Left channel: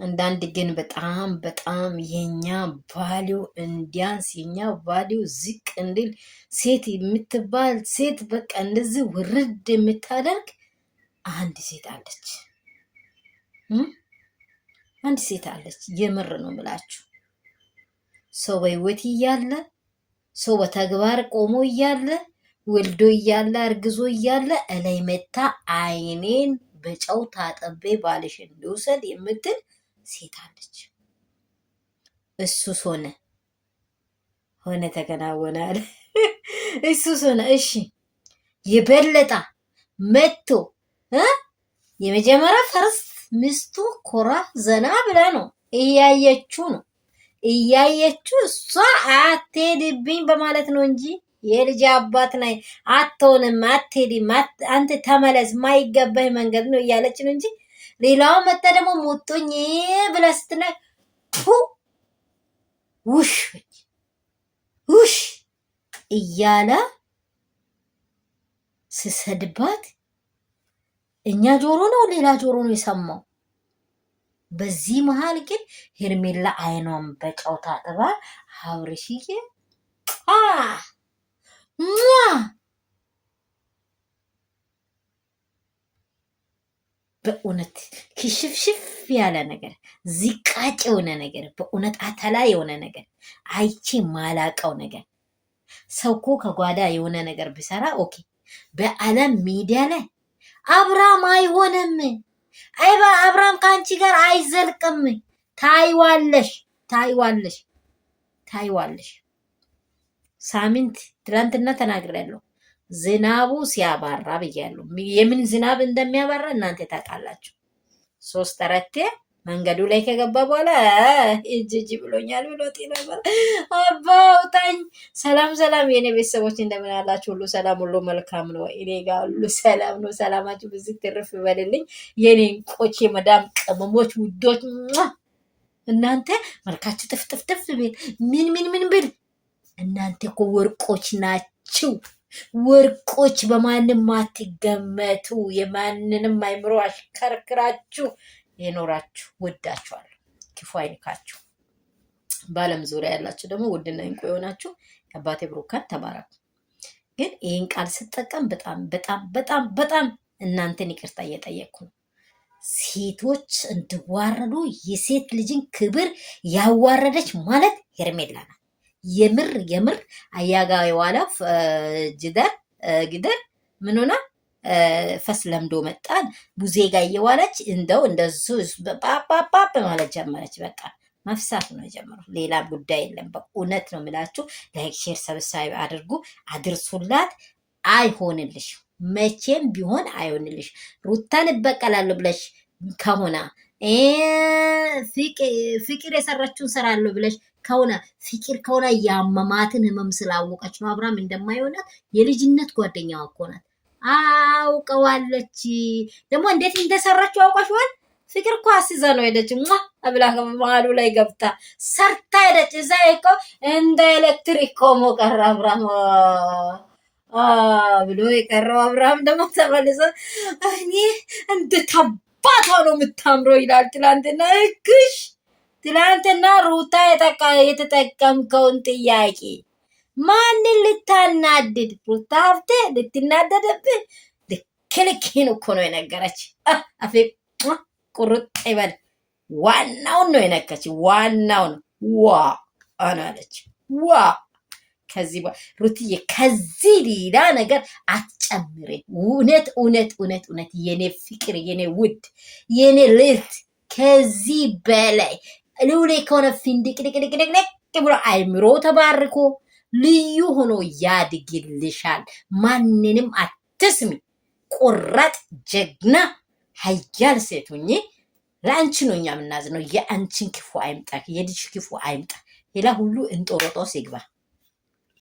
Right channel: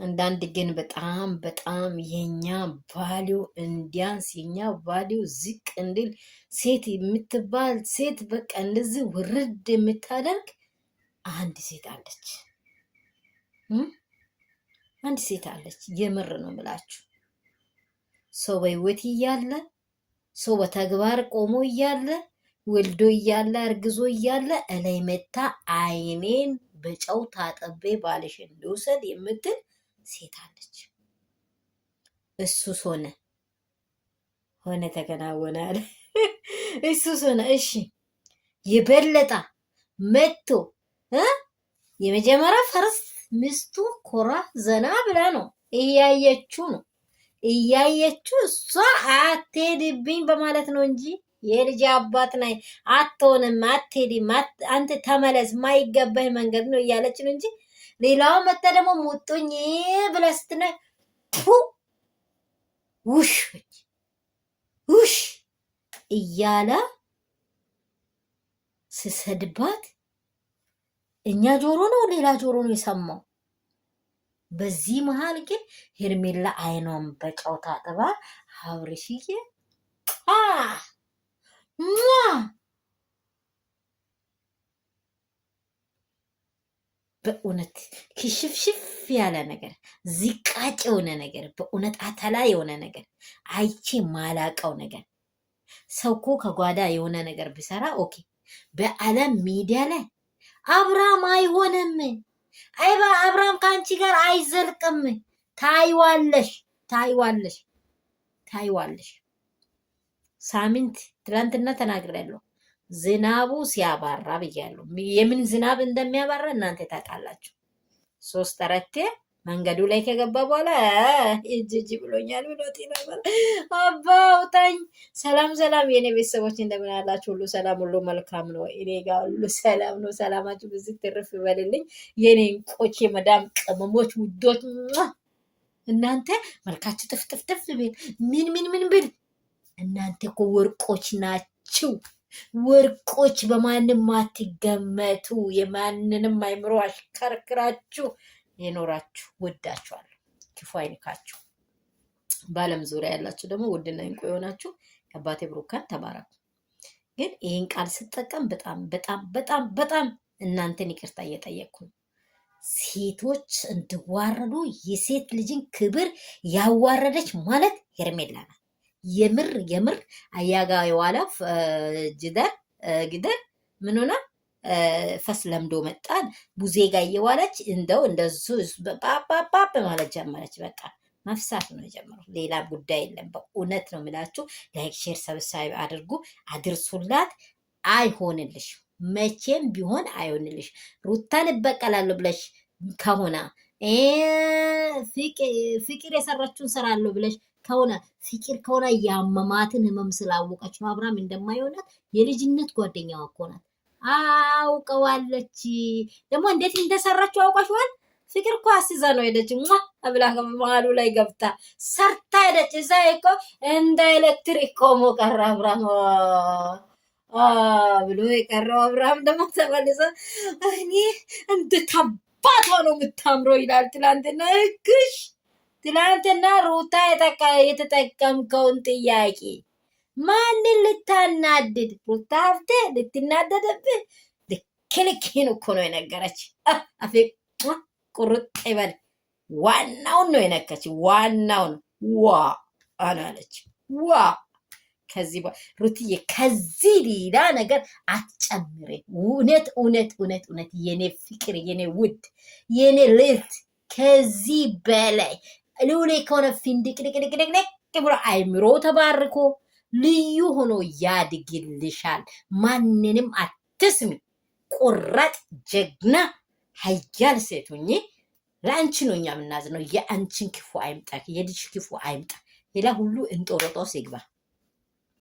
አንዳንድ ግን በጣም የኛ ቫሊው እንዲያንስ የኛ ቫሊው ዝቅ እንዲል ሴት የምትባል ሴት በቃ እንደዚህ ውርድ የምታደርግ አንድ ሴት አለች። አንድ ሴት አለች። የምር ነው የምላችሁ። ሰው በህይወት እያለ ሰው በተግባር ቆሞ እያለ ወልዶ እያለ እርግዞ እያለ እላይ መታ አይኔን በጨው ታጠቤ ባልሽን ልውሰድ የምትል ሴት አለች። እሱስ ሆነ ተከናወነ አለ። እሱስ ሆነ። እሺ የበለጠ መጥቶ የመጀመሪያ ፈርስት ሚስቱ ኮራ ዘና ብላ ነው እያየችው እሷ አትሄድብኝ በማለት ነው እንጂ የልጅ አባት ናይ አትሆንም፣ አትሄድም፣ አንተ ተመለስ፣ ማይገባህ መንገድ ነው እያለች ነው እንጂ ሌላው መጣ ደግሞ ሞቶኝ ብላ ስትናይ ውሽ እያለ ስሰድባት እኛ ጆሮ ነው ሌላ ጆሮ ነው የሰማው። በዚህ መሃል ግን ሄርሜላ አይኗን በጨው ታጥባ አብርሽዬ በእውነት ክሽፍሽፍ ያለ ነገር ዝቃጭ የሆነ ነገር በእውነት አተላ የሆነ ነገር አይቼ ማላቀው ነገር ሰው እኮ ከጓዳ የሆነ ነገር ቢሰራ ኦኬ። በዓለም ሚዲያ ላይ አብርሃም አይሆንም፣ አይባ አብርሃም ከአንቺ ጋር አይዘልቅም፣ ታይዋለሽ። ሳምንት ትላንትና ተናግሬያለሁ። ዝናቡ ሲያባራ ብያለሁ። የምን ዝናብ እንደሚያባራ እናንተ ታውቃላችሁ። 3 አራቴ መንገዱ ላይ ከገባ በኋላ እጅ ብሎኛል ብሎት ነበር። አባውታኝ። ሰላም የኔ ቤተሰቦች እንደምን አላችሁ? ሁሉ ሰላም፣ ሁሉ መልካም ነው። እኔ ጋር ሁሉ ሰላም ነው። ሰላማችሁ ብዙ ትርፍ ይበልልኝ የኔ እንቆች፣ የመዳም ቅመሞች ውዶች። እናንተ መልካችሁ ጥፍጥፍጥፍ ቢል ምን ብል እናንተ እኮ ወርቆች ናችሁ። ወርቆች በማንም አትገመቱ። የማንንም አይምሮ አሽከርክራችሁ የኖራችሁ ወዳችኋለሁ። ክፉ አይንካችሁ። በዓለም ዙሪያ ያላችሁ ደግሞ ውድና እንቁ የሆናችሁ አባቴ ብሩካን ተባረኩ። ግን ይህን ቃል ስጠቀም በጣም እናንተን ይቅርታ እየጠየቅኩ ነው። ሴቶች እንድዋረዱ የሴት ልጅን ክብር ያዋረደች ማለት ሄርሜላ ናት። የምር አያጋ የዋላ ግደር ምን ሆና ፈስ ለምዶ መጣን ቡዜ ጋር እየዋለች እንደሱ ፓፓፓ ማለት ጀመረች። በቃ መፍሳት ነው የጀመረው። ሌላ ጉዳይ የለም። በእውነት ነው የምላችሁ። ላይክ ሼር ሰብስክራይብ አድርጉ፣ አድርሱላት። አይሆንልሽ፣ መቼም ቢሆን አይሆንልሽ። ሩታን እበቀላለሁ ብለሽ ከሆነ ፍቅር የሰራችውን ሰራለሁ ብለሽ ከሆነ ፍቅር ከሆነ ያመማትን ህመም ስላወቀች ነው አብርሃም እንደማይሆናት። የልጅነት ጓደኛዋ እኮ ናት፣ አውቀዋለች። ደግሞ እንዴት እንደሰራችው አውቀሽዋል። ፍቅር እኮ አስይዛ ነው ሄደች ብላ መሀሉ ላይ ገብታ ሰርታ ሄደች። እዛ እኮ እንደ ኤሌክትሪክ ቆሞ ቀረ አብርሃም ብሎ የቀረው አብርሃም ደግሞ ተመልሶ እኔ እንድታባቷ ነው የምታምረው ይላል። ትላንትና ሩታ የተጠቀምከውን ጥያቄ ማንን ልታናድድ? ሩታ ሀብቴ ልትናደደብህ ልክልክህን እኮ ነው የነገረች። አፌ ቁርጥ ይበል። ዋናውን ነው የነከች። ዋናውን ዋ አናለች። ዋ ከዚህ ሩትዬ ከዚህ ሌላ ነገር አትጨምሬ። እውነት የኔ ፍቅር፣ የኔ ውድ፣ የኔ ልዕልት ከዚህ በላይ ልውሌ ከሆነ ፊንድቅድቅድቅድቅ ብሎ አይምሮ ተባርኮ ልዩ ሆኖ ያድግልሻል። ማንንም አትስሚ። ቁራጥ ጀግና ሀያል ሴት ሁኚ። ለአንቺ ነው እኛ የምናዝነው። የአንቺን ክፉ አይምጣ፣ የልጅ ክፉ አይምጣ። ሌላ ሁሉ እንጦሮጦስ ይግባ።